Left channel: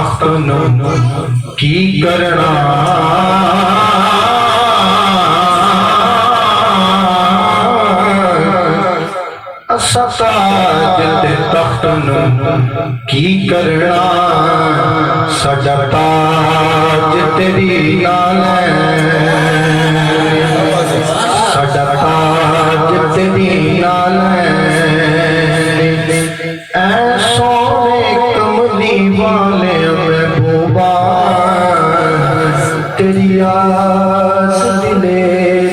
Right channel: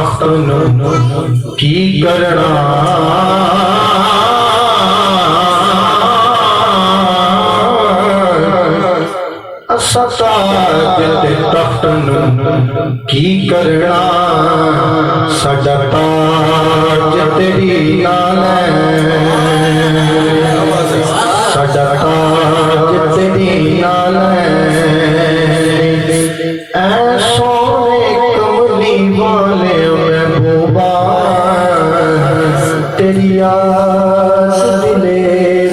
तख्त की करना सताज ते तख्त की करना साडा ताज तेरी नाल साडा ताज तेरी नाल ऐ सोने कमली वाले महबूबा तेरी आस दिले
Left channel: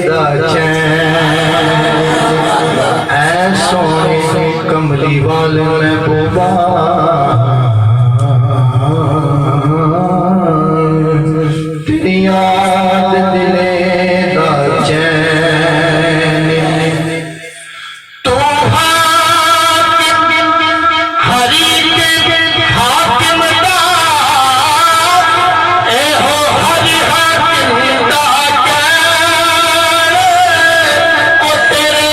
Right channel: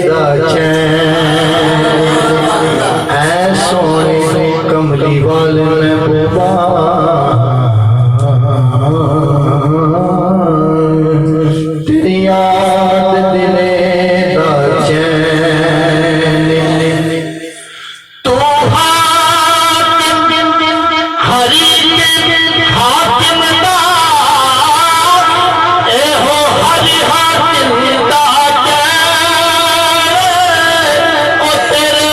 दा चैन ऐ सोने कमली वाले महबूबा तेरी याद दिले दा चैन तो हरी हाकिम दा ए हो हरी हाकिम दा ओ तेरे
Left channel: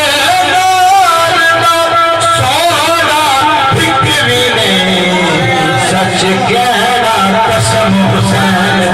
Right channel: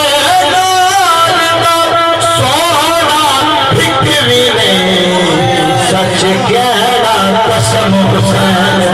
नाल दा सोना फिक्री ने सच गहरा कसम हुसैन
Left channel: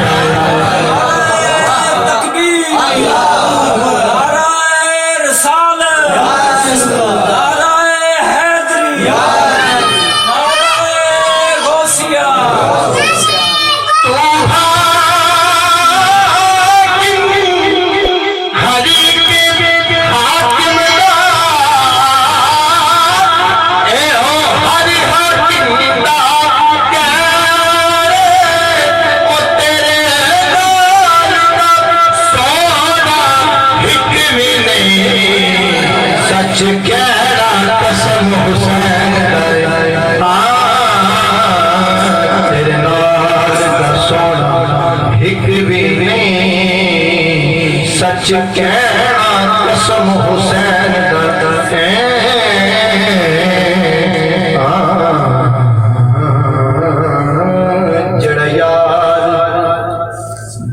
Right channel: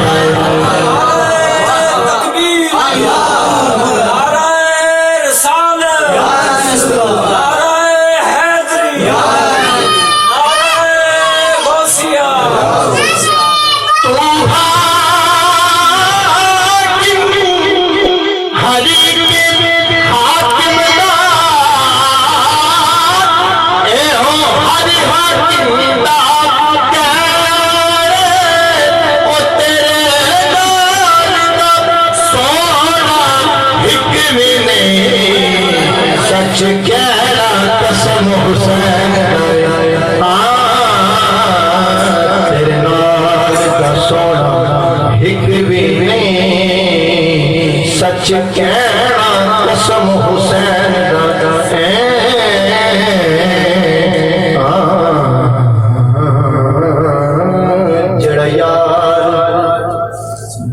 सच गहरा कसम हुसैन तेरे नाल दा सोना हिक भी नहीं सच गहरा कसम हुसैन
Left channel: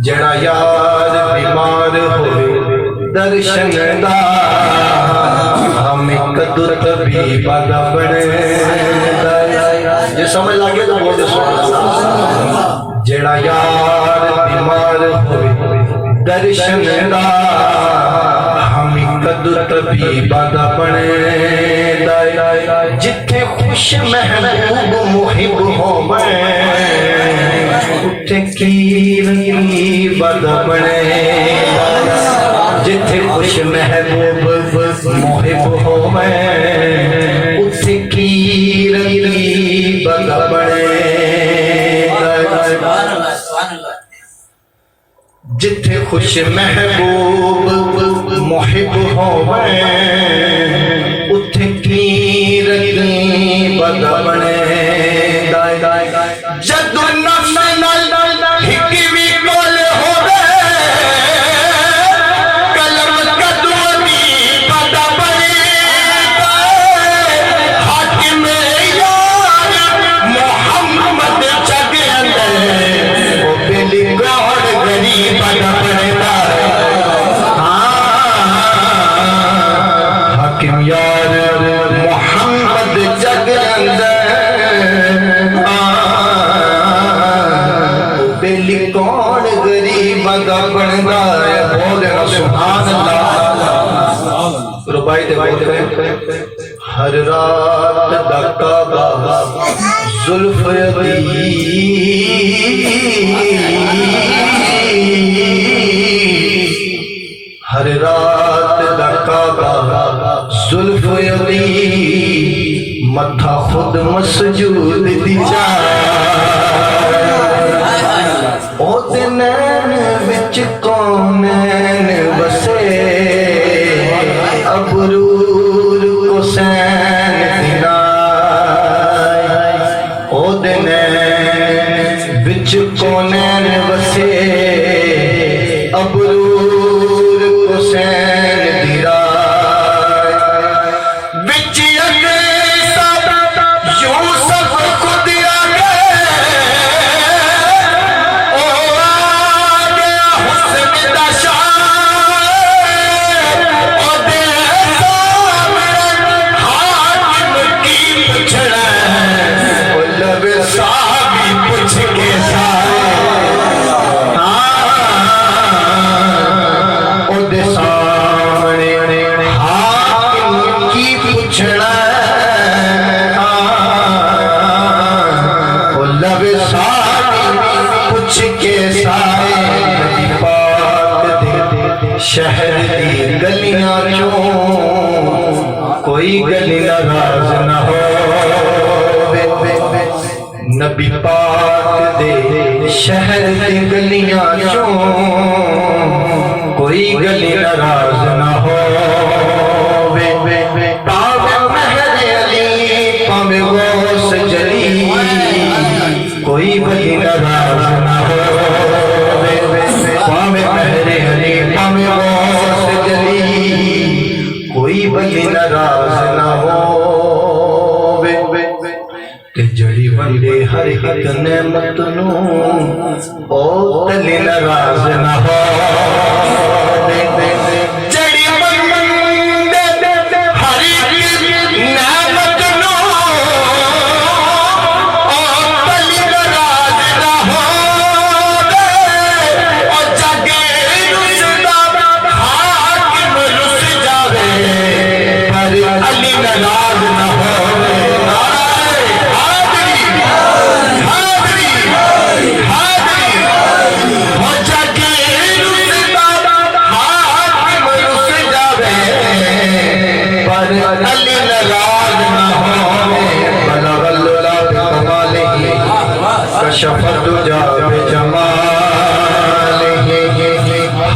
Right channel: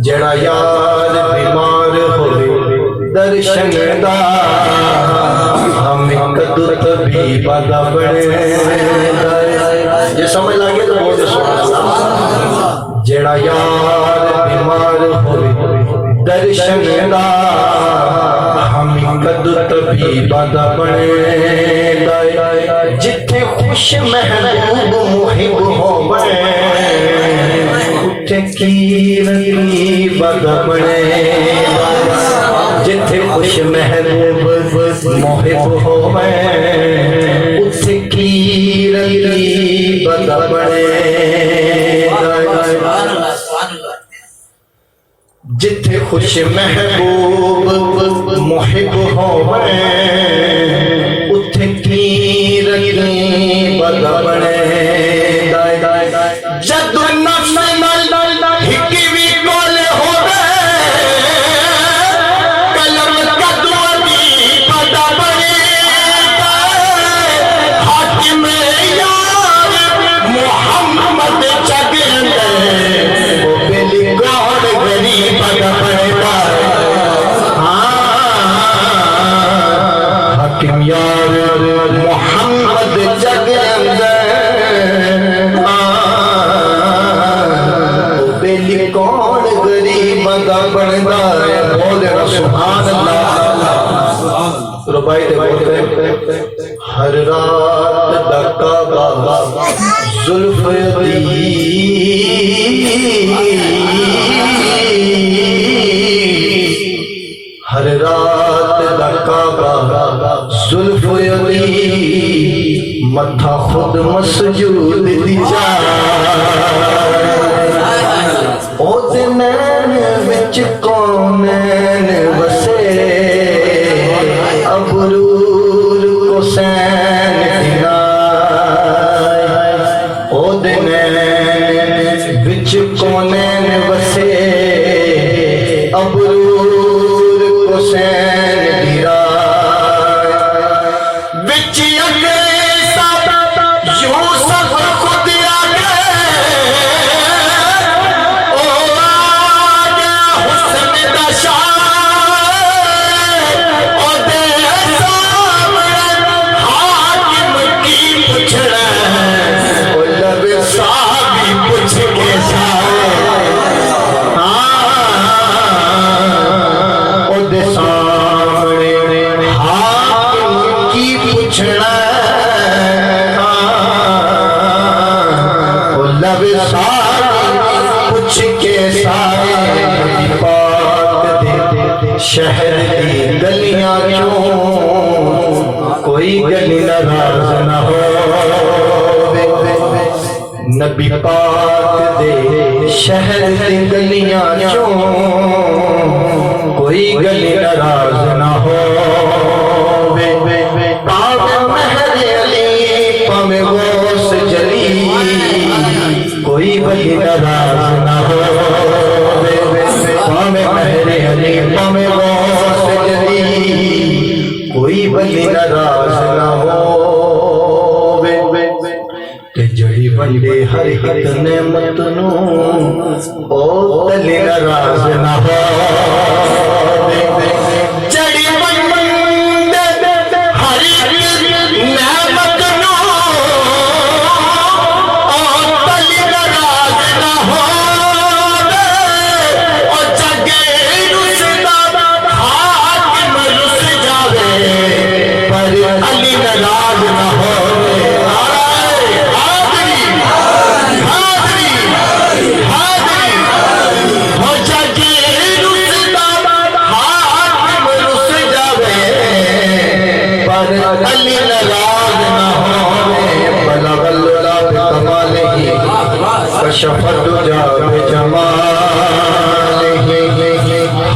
जड़ा यार बीमार होवे दर्शन दा कदू तभी बाधा बने ये समझ लगे तो बोल जेड़ा यार बीमार होवे दर्शन दा हम कदू तभी बाधा बने जिथे खुश महबूब मुहिब होवे उथे की बाधा बने जिथे खुश महबूब मोहिब होवे उथे की बदा बने जिथे खुश महबूब मोहिब होवे उथे की बदा बने जदू नफ्स नाल हिक भी कोल होवे यार मोहम्मद जग बेली कौन गरीब दा बनदा है बोल सुभान अल्लाह रुबाई दे बोलते हर रात दा काबा जुल्फ दी हर रात दा काबा जुल्फ मथा खुद मसजूद दी जा ओ दिन विच कौन बसे अबरूर को सैन दिना ओ दिन विच कौन बसे अबरूर को सैन दिरा यूसुफ खुद नब सारी कुछ के साए नबी पाक दे शहर दी गलियां चों कोई गली नाराज न हो। नबी पाक दे शहर दी गलियां चों कोई गली नाराज न हो। पावे महर अली पावे गौस जली कोई वली नाराज न हो। पावे महर अली पावे गौस जली कोई वली नाराज न हो। जड़ी बंदे हर एक नेमत नू ओ तली नाराज न हो। जड़ी बंदे हर एक नेमत नू ओ तली नाराज न हो। ओ जगे रुसदा हाकिम रुस जावे पर अली नाराज न हो।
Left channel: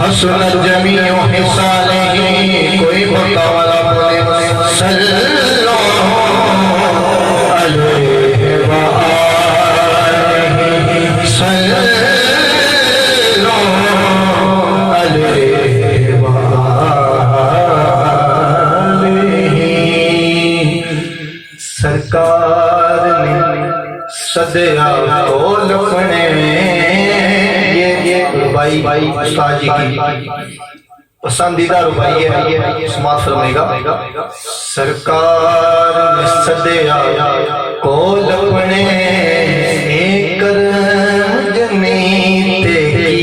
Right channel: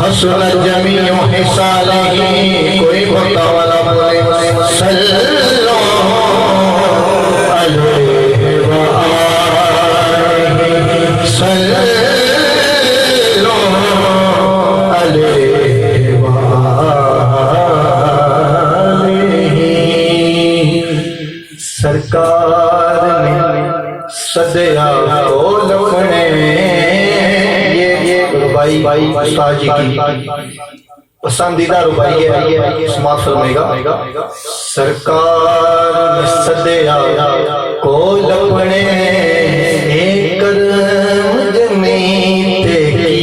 हसन जमीओ हिसाले कोई बता वाला बोले सल्लो अलैहि व आलिहि सल्लो अलैहि व आलिहि। सरकार ने सदया को लपने रुबाई उस्ताद जी की पसंदीदा रुबाई है, समात फरमाएगा। सरकार ने सदया को लपने एक जनीते की।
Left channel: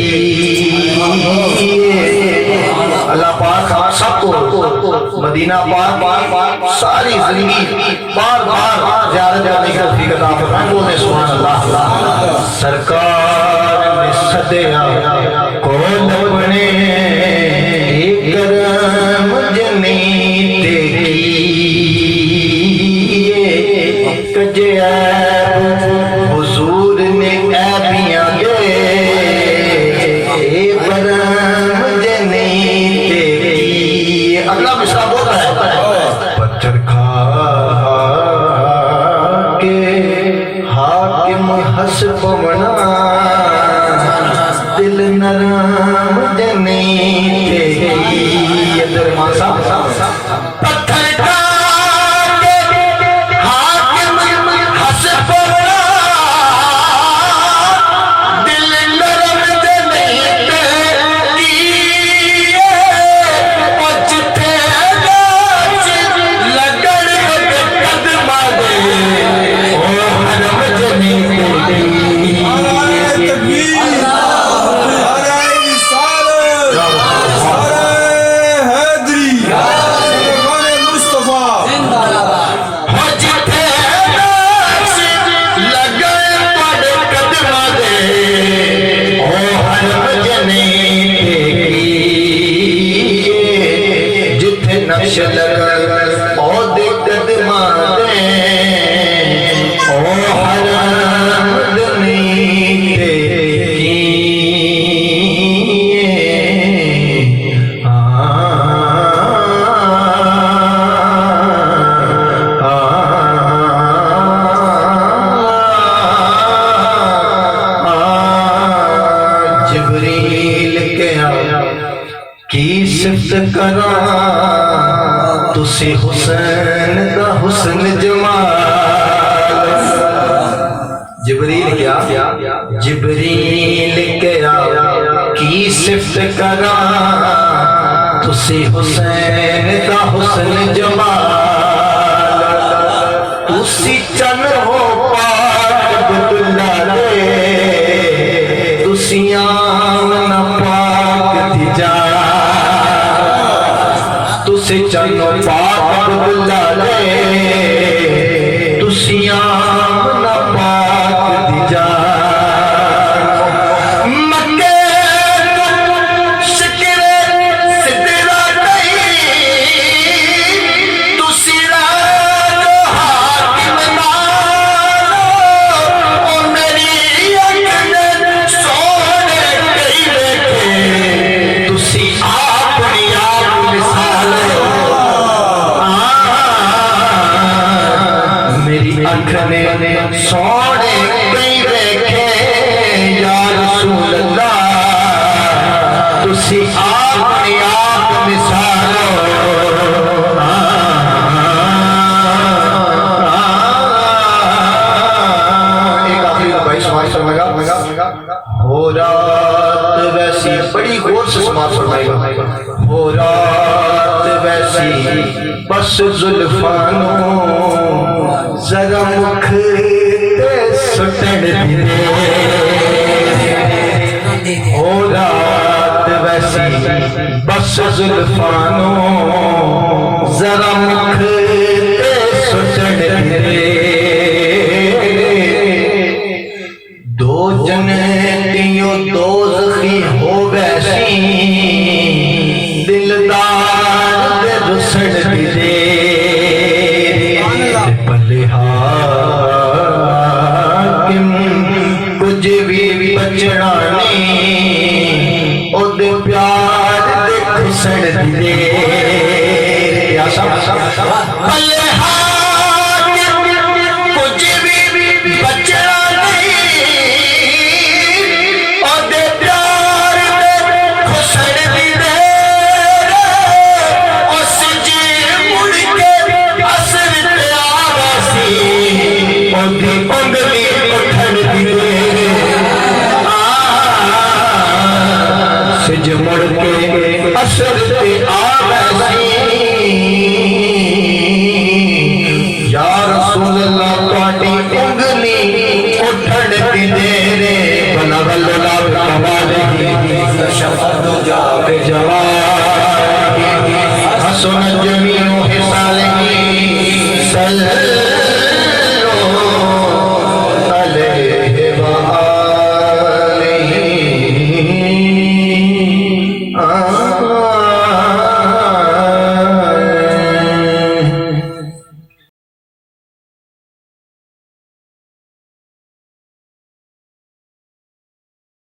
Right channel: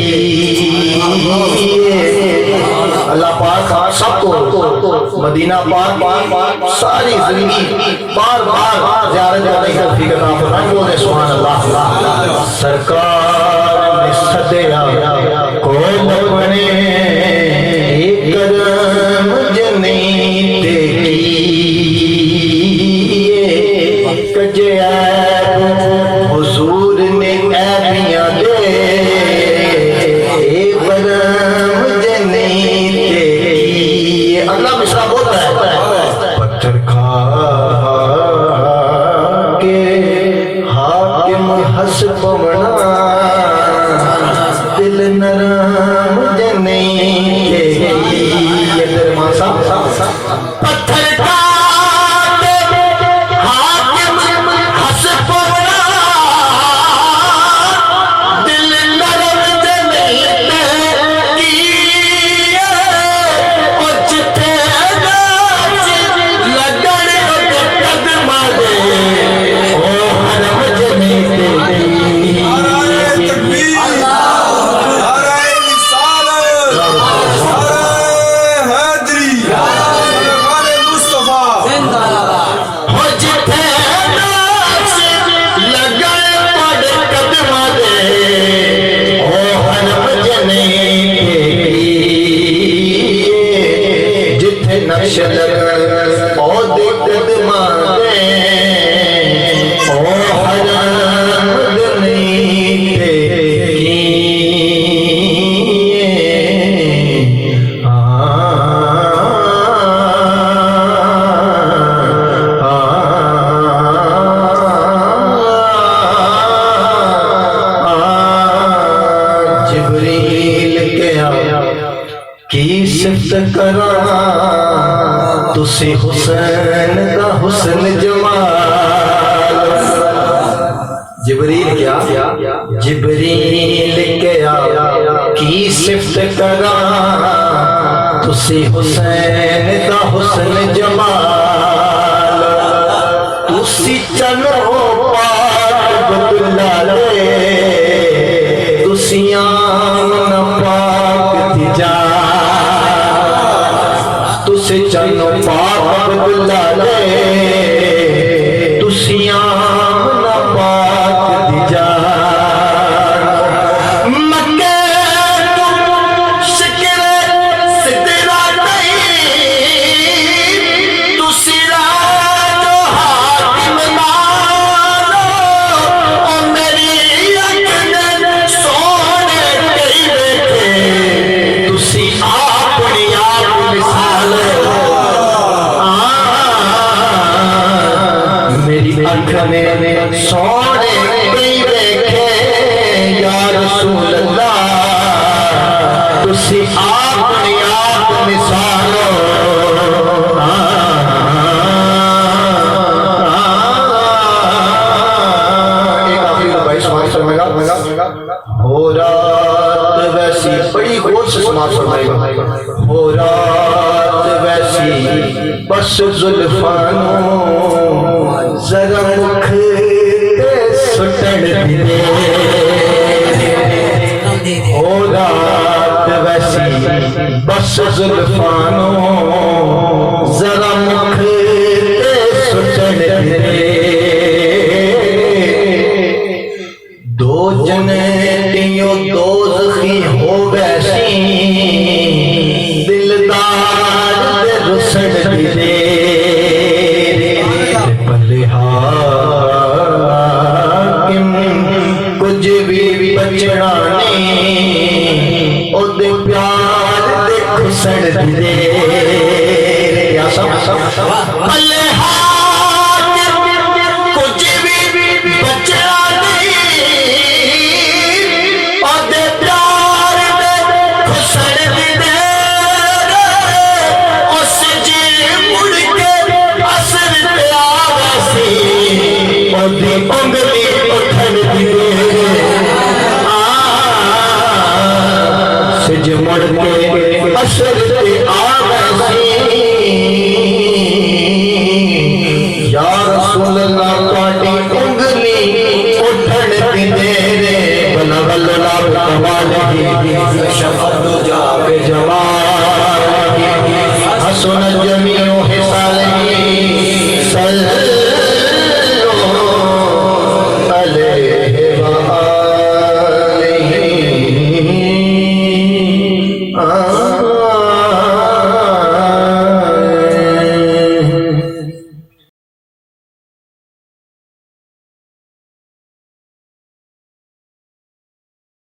अल्लाह पाक सबको मदीना पाक सारी जिंदगी बार बार ज़ियारत करने की तौफीक अता फरमाए। बोले सुभान अल्लाह। सरकार ने सदया को लपने एक जनीते की। कजया हुजूर ने ऐबियां दे बरम जनीते की। अगला मिसरा बोल रहा है पत्थर खा के हाकिम हंस पवना दिल नरम जनीते की। पत्थर खा के हाकिम हंस पवना दिल नरम जनीते की। जिथे लगन कदमा दे ओ हरम जनीते की। करा तुसी हुसैन का हुस्न जमाल। जिब्रील क्या जिब्रील क्या की सिफ्त करा तुसी हुसैन का हुस्न जमाल। तुसी चन हो पाक बदुल्ला ले तुसी आमन पाक तिजा। तुसे चनो पाक बदुल्ला ले तुसी आमन पाक तिजा। आखने सोने कई देखे या रसूल अल्लाह तुसी आपने आप मिसालो एक आखिरी भाई समाज फरमाएगा हो रात वैसी बड़ी गौर से समाज फरमाएगा हो रात वैसी बस जुल्फानो जरा मुख ते सुटन दे हो रात वैसी बस जुल्फानो जरा मुख ते सुटन दे दो जने तियो दोज़खी हो वैसी दिलदार दे रुसड़ दे भले हाकिम कुछ भी बचना